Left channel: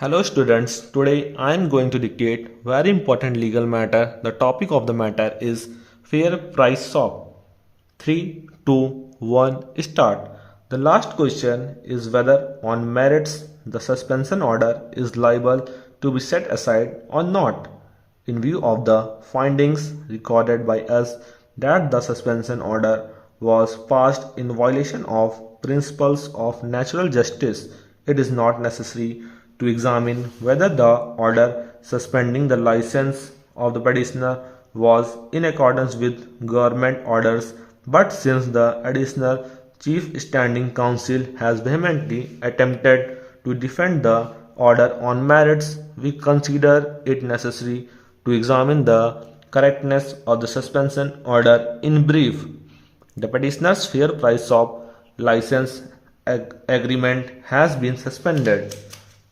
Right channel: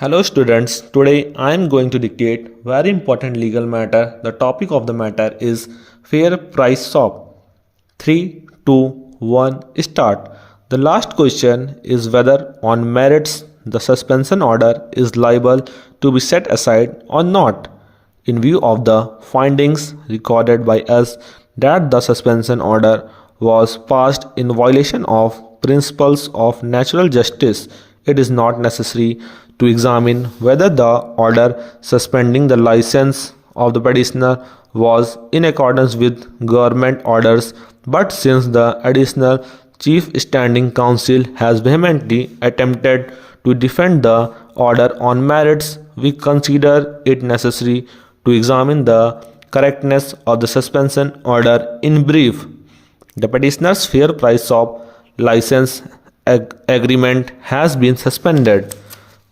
Hello students, today I am going to dictate very important legal matter. The topic of the matter is fair price swap. 3, 2, 1, start. The last question is whether on merits the suspension order is liable to be set aside or not. In view of the findings recorded by us that the suspension order was passed in violation of principles of natural justice, it is not necessary to examine whether the order suspending the license of the petitioner was in accordance with government orders, but since the additional chief standing counsel has vehemently attempted to defend the order on merits, we consider it necessary to examine the correctness of the suspension order in brief. The petitioner's fair price swap license agreement has been suspended.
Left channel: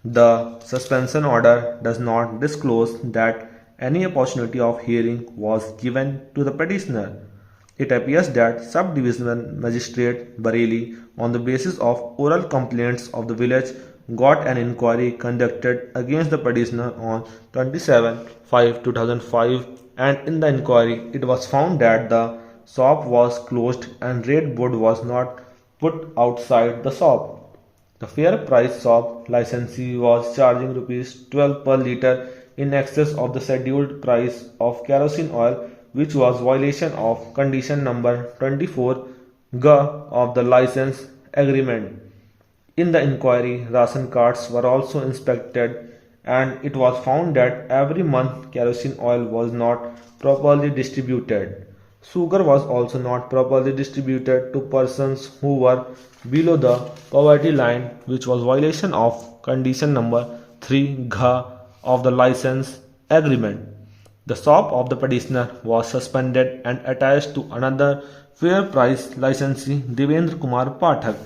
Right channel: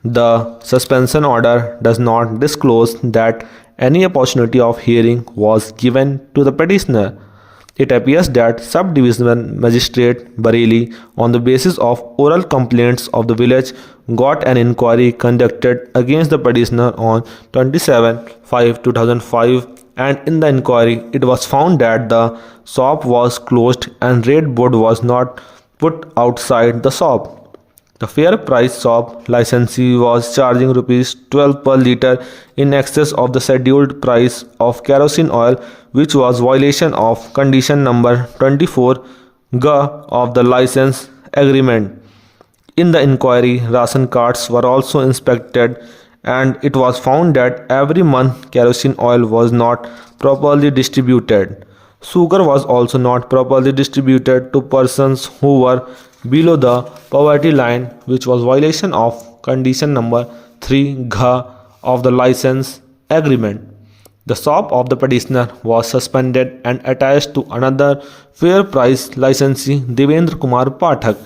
The suspension order does not disclose that any opportunity of hearing was given to the petitioner. It appears that Subdivision Magistrate Bareilly, on the basis of oral complaints of the village, got an inquiry conducted against the petitioner on 27/5/2005, and in the inquiry it was found that the shop was closed and red board was not put outside the shop. The fair price shop licensee was charging rupees 12 per litre in excess of the scheduled price of kerosene oil, which was violation of condition number 24G of the license agreement. In the inquiry, ration cards were also inspected and it was found that every month kerosene oil was not properly distributed. Sugar was also not properly distributed to persons who were below the poverty line, which was violation of condition number 3G of the license agreement. The shop of the petitioner was suspended and attached to another fair price licensee, Devendra Kumar Pathak.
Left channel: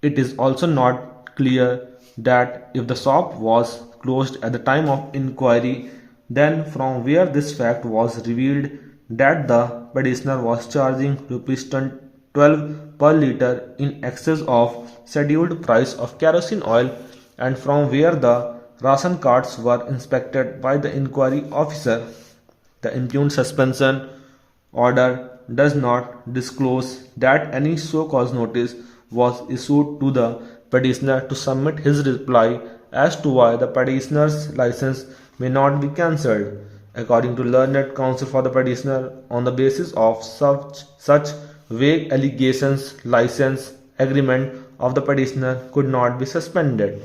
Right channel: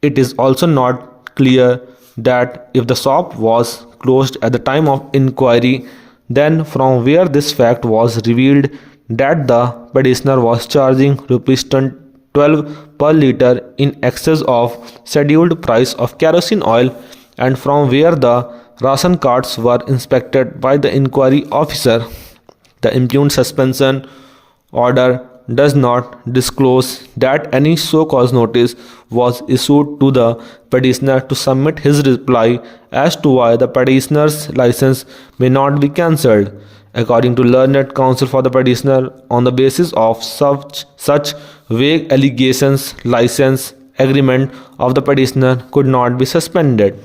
It is also not clear that if the shop was closed at the time of inquiry, then from where this fact was revealed that the petitioner was charging rupees 12 per litre in excess of scheduled price of kerosene oil, and from where the ration cards were inspected by the inquiry officer. The impugned suspension order does not disclose that any show-cause notice was issued to the petitioner to submit his reply as to why the petitioner's license may not be cancelled. According to learned counsel for the petitioner, on the basis of such vague allegations, license agreement of the petitioner could not be suspended.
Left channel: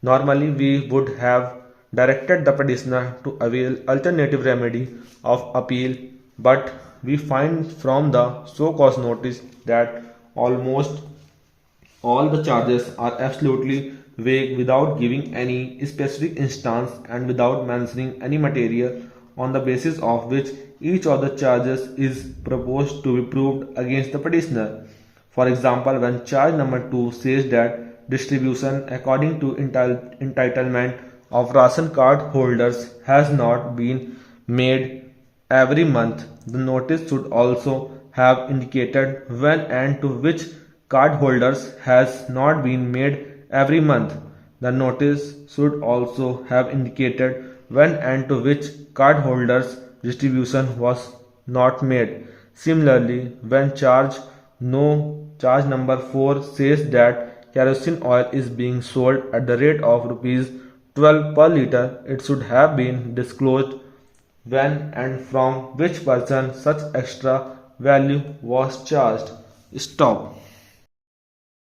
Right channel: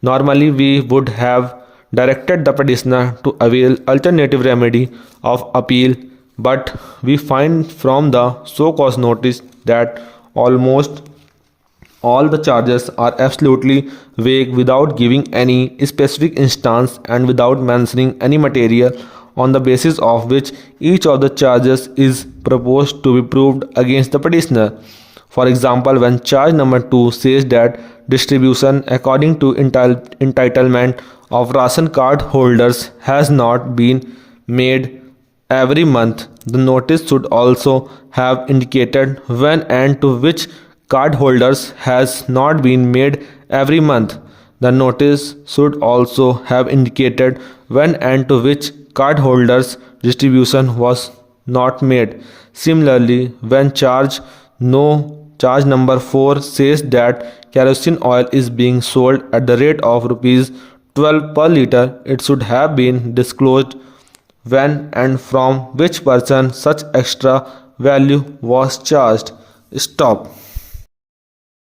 Normally, we would have directed the petitioner to avail alternative remedy of appeal, but we find from the show-cause notice that almost all the charges are absolutely vague without giving any specific instance and without mentioning any material on the basis of which each of the charges is proposed to be proved against the petitioner. For example, when charge number 2 says that distribution according to entitlement of ration card holders has not been made every month, the notice should also have indicated when and to which cardholders has not been made every month. The notice should also have indicated when and to which cardholders distribution was not made. Similarly, when charge number 4 says that kerosene oil is being sold at the rate of rupees 12 per litre, it should have been disclosed when and from which person such extra value was charged. Stop.